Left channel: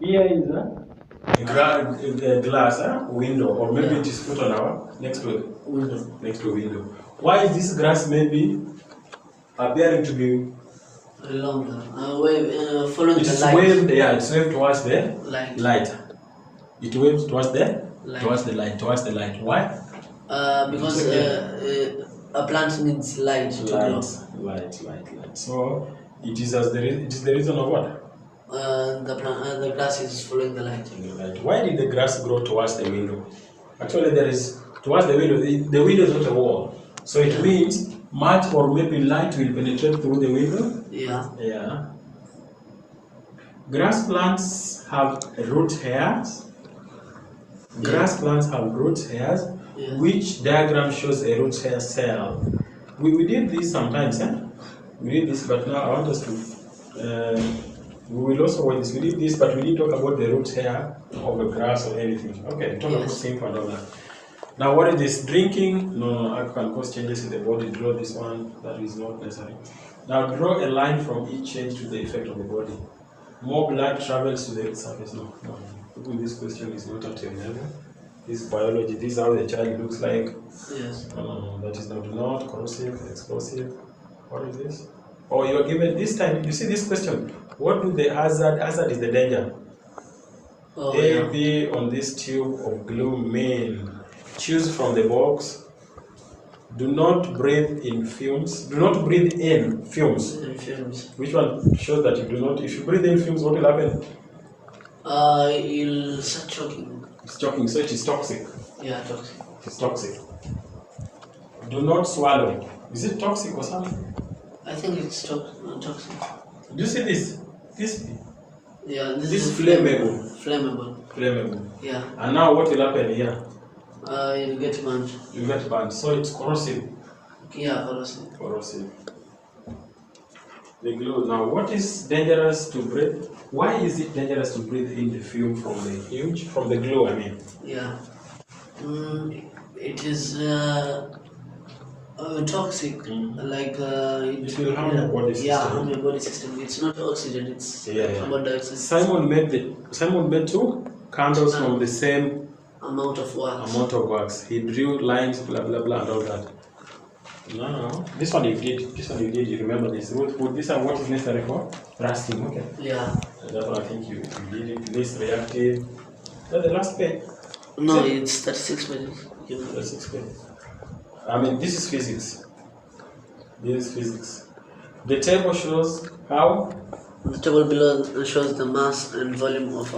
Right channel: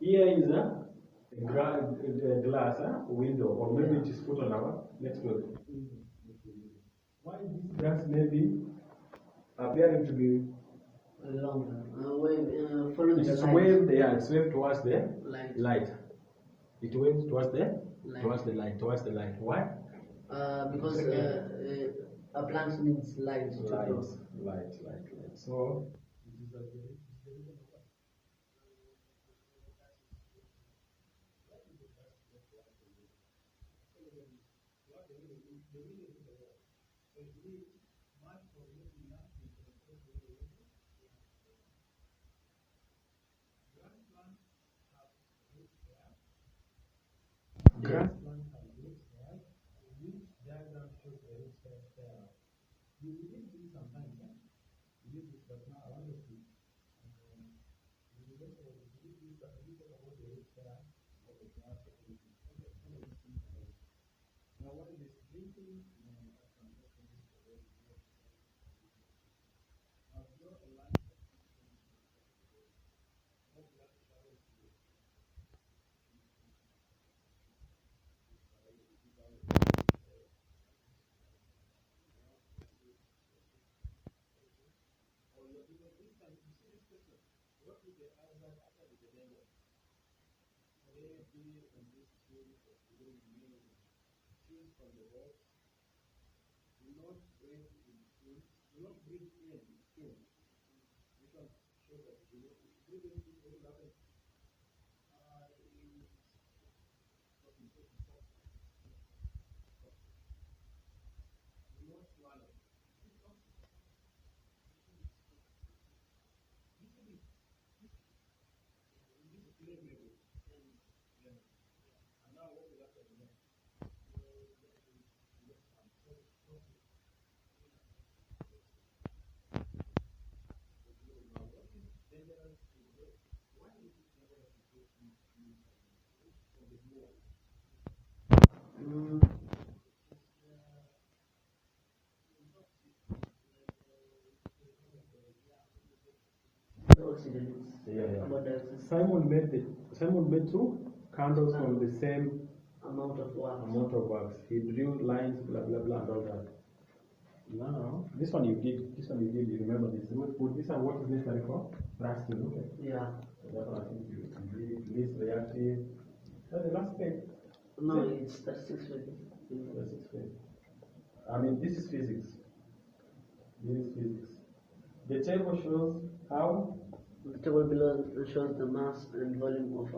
Here is a glass window, or maybe it is put on our next to window. Why is this grass maybe appearing to be longer? Following it the is light. waved, it's waved towards the light. It waves towards the light. Why? Because a plant needs light to grow. Light. So it is the reason of what? The grass is following the light. Why did the grass grow towards the window? Actually, there is towards the window. The window is not a wall, so it means much or maybe light will penetrate through the window. Yeah. Grass plants have root hairs. Which diagram shows a root hair cell? We did this sometimes, We did this, but now I want us to. We will also watch this. We did this, but we didn't talk about the root hair of the grass or anything. Okay, talk about simple and all that. Now, what is this? Drinking? No, I can cause changes in the body. Draw this one. That is not necessary. Now, draw a line from each change to the effect of the body. More blood travels to the surface. No. This question is not at your level. This is biology. This is how the child looks like. Yes. That is not corrosive, explosive. What is this? Oh, you are given this time. You see this question. What do the hazard is the danger? B on this tube of glue mean. Choose from the box. Do not breathe in fumes. Do not breathe in fumes. Which one shows that you do not? If you breathe in fumes, what will happen? You'll start choking. It's choking, so it is toxic. Yeah, toxic. It's toxic. Do not swallow. Is it toxic or something? I think it's toxic. Do you see this? Yeah, this is flammable. Yeah. And now what will happen here? You'll get burned. So it's corrosive. Yeah, corrosive. The glue. Now, what is dangerous to breathe? Why is it dangerous to breathe in the fume from the glue? I mean. Yeah. It is toxic. Like it will harm your body system. Yeah, harm your body system. It's not oxygen. It's carbon dioxide. Simon made 2 candles from the same amount of wax. He drew lines, blah blah blah, and all that. No. This one you did. You remember this? Would this and what is necessary for rusting? Okay. Yeah. That's what I think you did it. Least reactive. That's the last page. No, it's 36 pages. 36 pages. I mean, this is physics. The table shows how. The table below shows the mass and volume of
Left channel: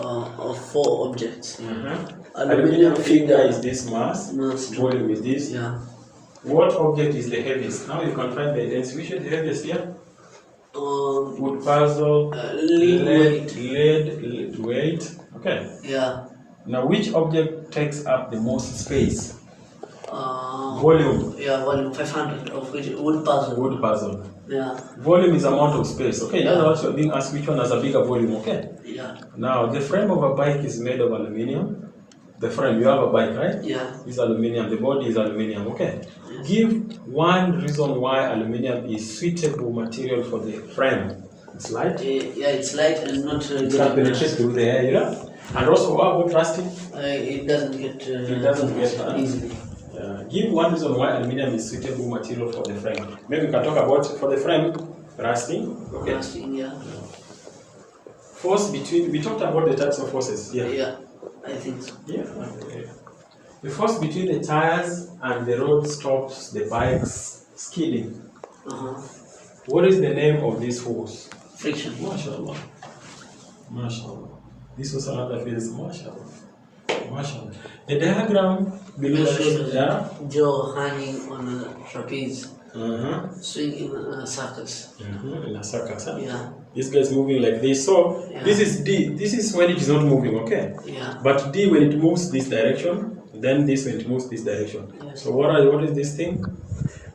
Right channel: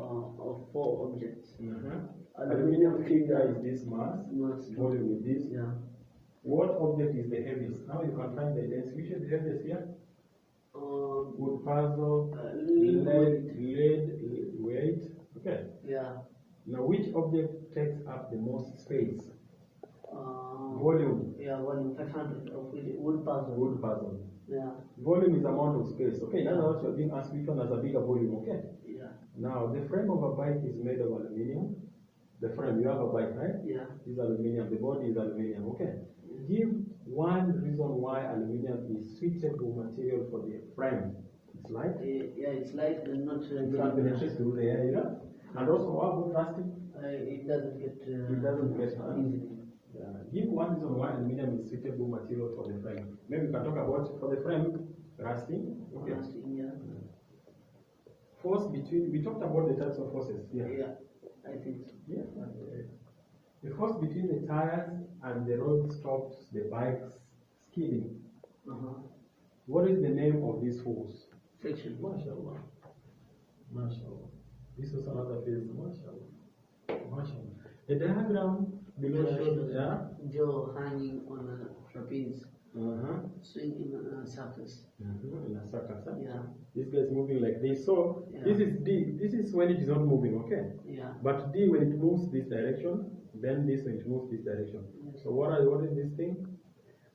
4 objects. Aluminium finger is this mass. Volume is this. Yeah. What object is the heaviest? Now you can find the density. Which is the heaviest here? Wood puzzle. Lead weight. Okay. Yeah. Now, which object takes up the most space? Volume. Yeah, volume 500 of which wood puzzle. Yeah. Volume is amount of space. Okay. That's also being asked which one has a bigger volume. Okay. Yeah. Now, the frame of a bike is made of aluminium. The frame, you have a bike, right? Yeah. It's aluminium. The body is aluminium. Okay. Yes. Give one reason why aluminium is suitable material for the frame. It's light. Yeah, it's light and not. It can penetrate through the air, And also, what about rusting? It doesn't get. Easily. Give one reason why aluminium is suitable material for the frame. Maybe we can talk about for the frame rusting. Okay. Rusting, yeah. Force between. We talked about the types of forces. Yeah. I think so. Yeah. The force between the tires and the road stops the bike's skidding. What is the name of this force? Friction. MashaAllah. This was another phase. MashaAllah. The diagram below shows Joe hanging on a trapeze, swinging in a circus. In a circus, Yeah. This guy's moving like this. So this is D. This is when it is not moving, okay? Yeah. But D when it moves this direction, then this when it moves this direction. Yes. So what is this thing?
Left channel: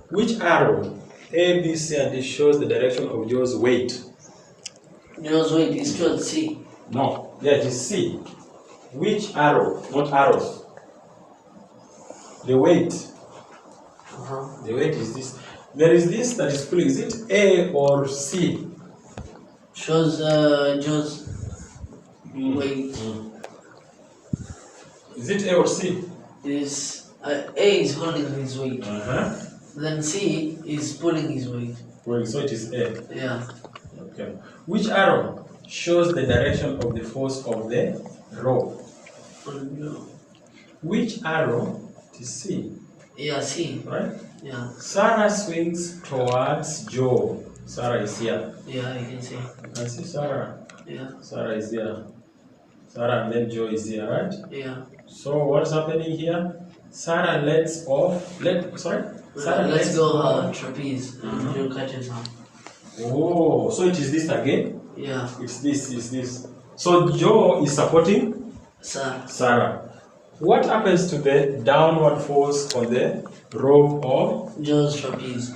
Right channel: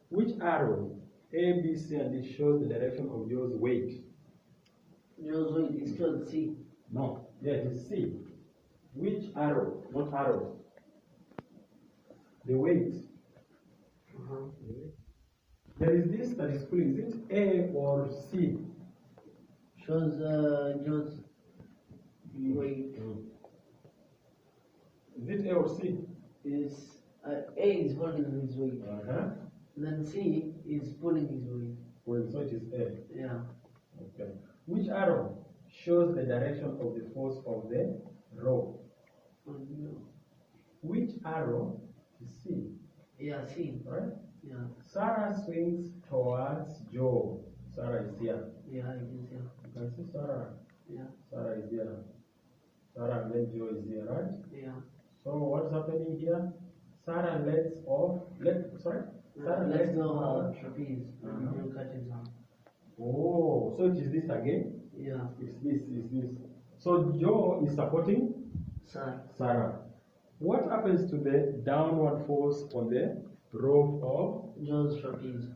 Which arrow A, B, C, and D shows the direction of Joe's weight? Joe's weight is towards C. No. Yeah, it is C. Which arrow? Not arrows. The weight. The weight is this. There is this that is pulling. Is it A or C? shows Joe's weight. Is it A or C? Is A is holding his weight. Then C is pulling his weight. Well, so it is A. Yeah. Okay. Which arrow shows the direction of the force of the rope? Which arrow? It is C. Yeah, C. Right? Yeah. Sarah swings towards Joe. Sarah is here. Yeah, you can see. You can see Sarah. Yeah. Sarah is here. Sarah and then Joe is here, right? Yeah. So what's happening here? Sarah lets off. Sarah Let's go her trapeze. And Joe catches her. Oh, so it is this again? Yeah. It's this. So Joe is supporting Sarah. What happens to the downward force on the rope of Joe's trapeze?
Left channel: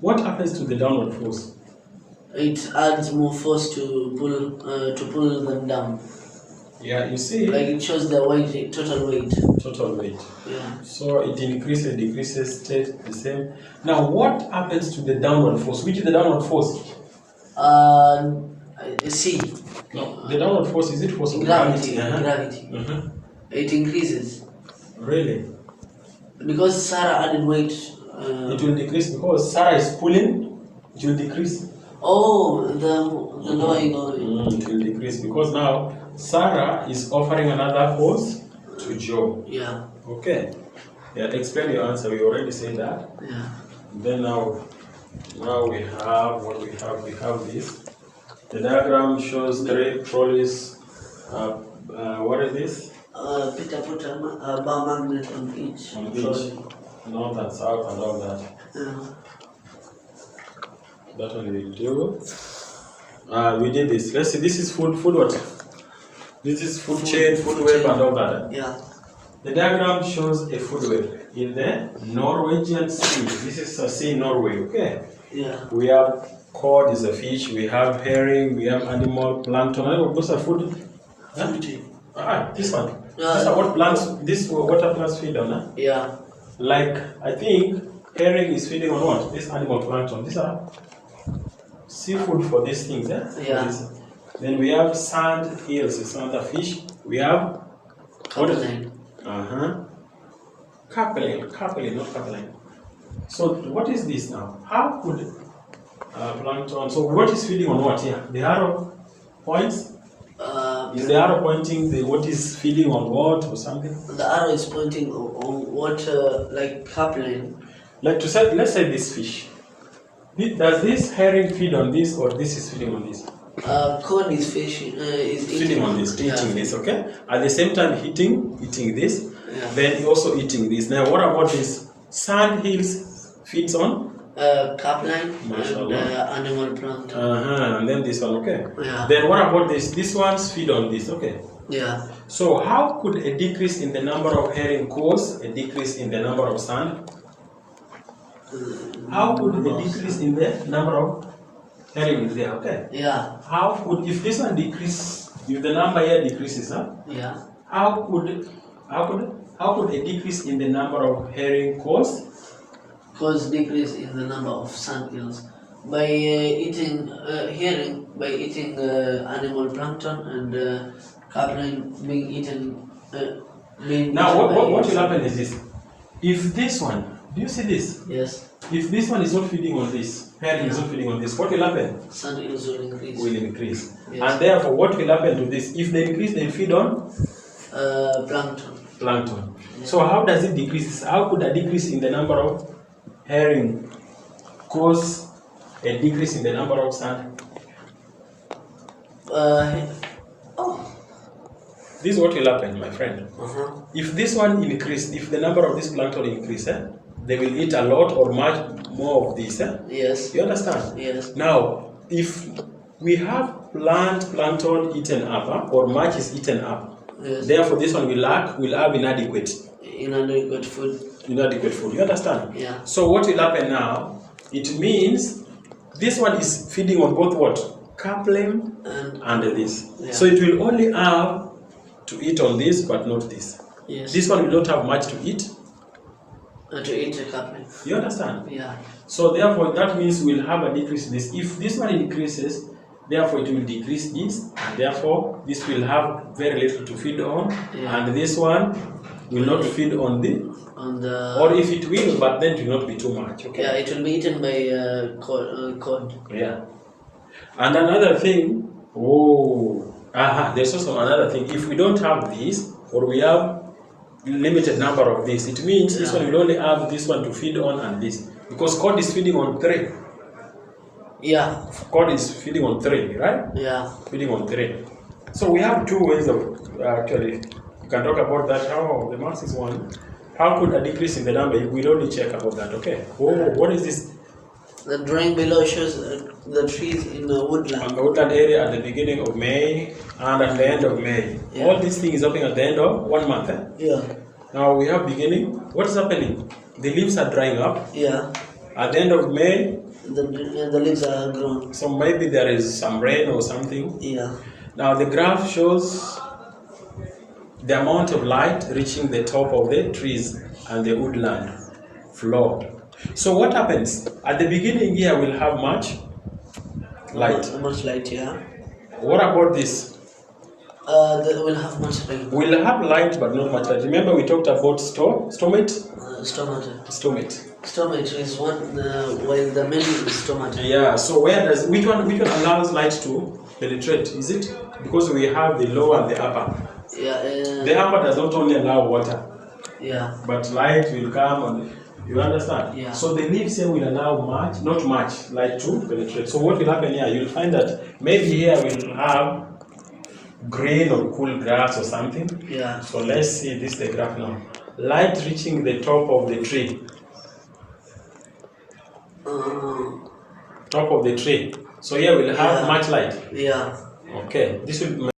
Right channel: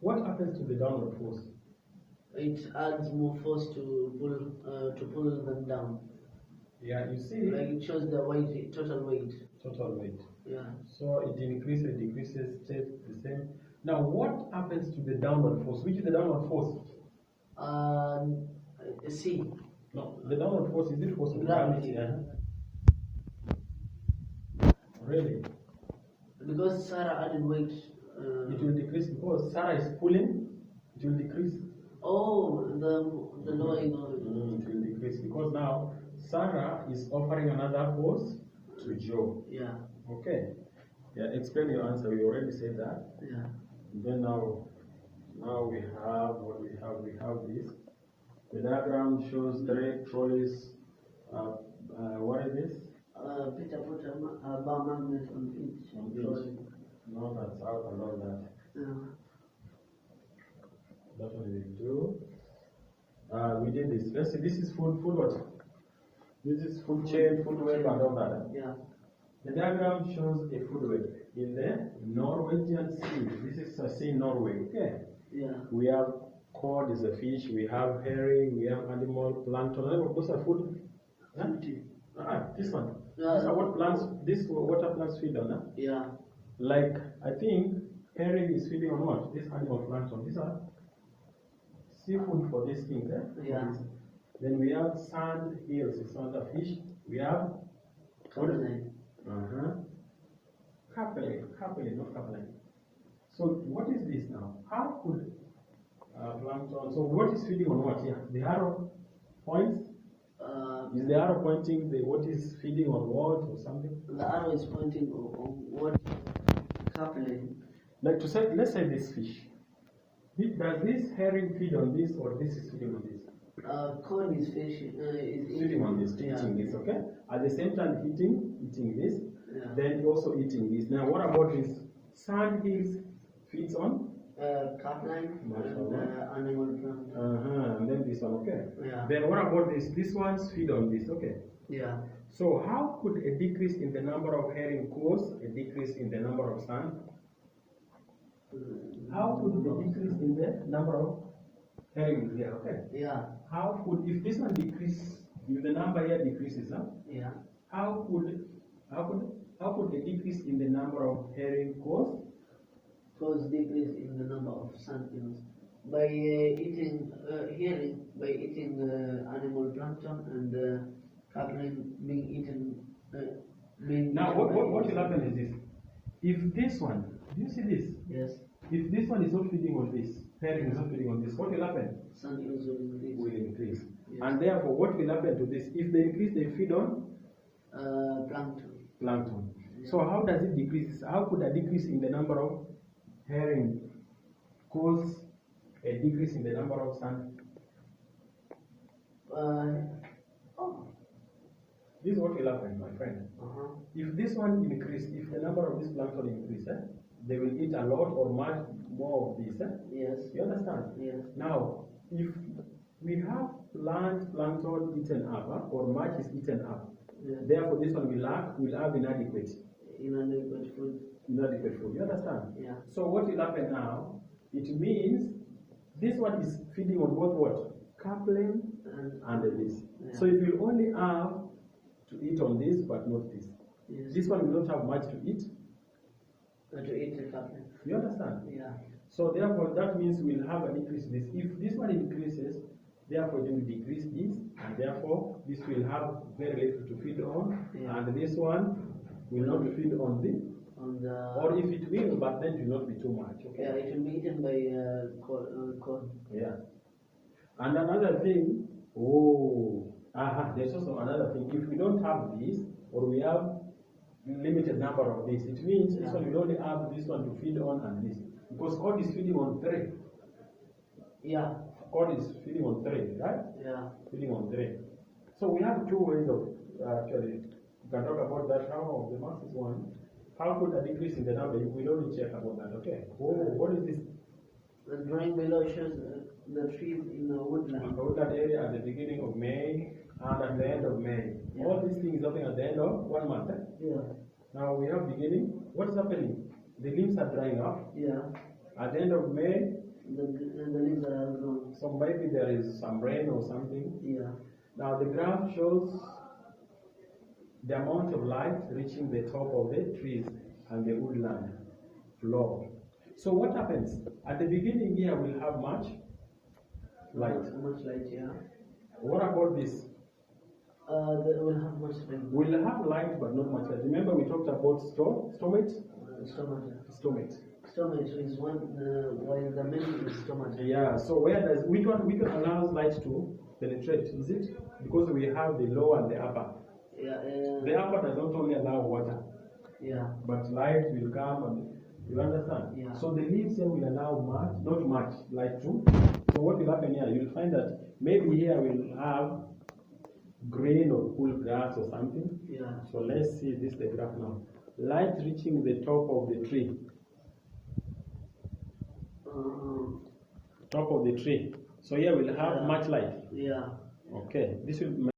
What happens to the downward force? It adds more force to pull them down. Yeah, you see. Like it shows the weight, total weight. Total weight. Yeah. So it increases, decreases, stays the same. Now, what happens to the downward force? Which is the downward force? C. No, the downward force, is it force of gravity? Gravity. It increases. Really? Because Sarah added weight. It will decrease because Sarah is pulling. It will decrease. Oh, the lower you go. It will decrease because now Sarah is offering another force to Joe. Yeah. Okay. Yeah, explain your answer. We already said that. Yeah. Then now we have what we have. We have this. The diagram shows 3 trolleys. What is this? Peter put a bar magnet on each. On each. North and south and all that. Yeah. That one we do. We did this. Let's see. This is food what? This is food chain, food web, and all that. Yeah. The diagram shows a food web in the Norwegian Sea. This is a sea in Norway. Okay. Yeah. We have cod is a fish. We have herring. We have animal plankton. Those are food. Huh? This one. These are what plants. This water plants feed on. Huh? Yeah. Like I think herring is feeding on what? This animal plankton. These are seafood for these things. Yeah. Then we have sand hills. It's another fish. We have Capelin. Capelin, not capelin. So what is this now? How could plankton? So what is feeding on what here? The arrow points. Is the arrow pointing what is feeding on what or something? The arrow is pointing on what, like capelin. Like to say, let's say this fish. Does this herring feed on this or this is feeding on this? Cod is fishing, is feeding on this, eating this, okay? At the same time eating this, then also eating this. Now what about this? Sand hills feeds on? Capelin and animal plankton. And then this one, okay? Yeah. Then what about this? These ones feed on this, okay? Yeah. So how could a decrease in the number of herring cause a decrease in the number of sand? How could a decrease in the number of herring is there, okay? Yeah. How could, if this one decrease, if the number here decreases, Yeah. How could a decrease in the number of herring cause decrease in the number of sand hills by eating herring, by eating animal plankton, and capelin being eaten. Now what will happen is this. If this one, do you see this? Yes. If this one is not feeding on this, herring is not feeding on this, what will happen? Sand hills will increase. Yes. And therefore, what will happen to this? If they increase, they feed on? Plankton. Yeah. So how does it decrease? How could a decrease in the number of herring cause a decrease in the number of sand? This is what will happen, my friend. If this one increase, if the number of this plankton increase, they will eat a lot or much more of this. Yes. You understand? Yes. Now, if we have plankton eaten up, or much is eaten up, yes. Therefore this one will have inadequate food. Inadequate food. You understand? Yeah. So what will happen now? It means this one is feeding on both what? Capelin and this. Yeah. So it will only have to eat on this, but not this. Yes. This one will not have much to eat. To eat the capelin. You understand? Yeah. So therefore that means we'll have a decrease in this. If this one increases, therefore it will decrease this, and therefore this will have very little to feed on, and this one will not feed on the or if it will, but then it will not be too much. Okay. Yeah, it will be eaten by cod. Yeah. And another thing, there's also another thing. If we don't have this, or we have limited number of this, it means this one will only have this one to feed on and this, because cod is feeding on 3. Yeah. Cod is feeding on 3, right? Yeah. Feeding on 3. So we have 2 ways of actually. You can talk about that. How the max is 1. How could a decrease in the number? We'll only check about that. Okay. What is this? The drawing below shows the trees in the woodland. On the woodland area at the beginning of May and at the end of May. Yeah. All these things happening at the end of 1 month. Eh? Yeah. Now we have beginning. What is happening? The leaves are drying up. Yeah. At the end of May, the leaves are grown. So maybe there is some rain or something. Yeah. Now the graph shows the amount of light reaching the top of the trees and the woodland floor. So what happens? At the beginning here we'll have much light. Much light, yeah. What about this? We'll have much rain. We'll have light but not much light. Remember we talked about stomate? Stomate. Stomate is one, while the main is stomata. Yeah, so which one allows light to penetrate? Is it? Because we have the lower and the upper. Yeah. The upper does not only allow water. Yeah. But light will come and you understand? Yeah. So the leaves here will allow not much light to penetrate. So what will happen here? You'll find that maybe here we'll have green or cool grass or something. Yeah. So let's see this the graph now. Light reaching the top of the tree. Top of the tree. So here we'll have much light. Yeah. Okay. This will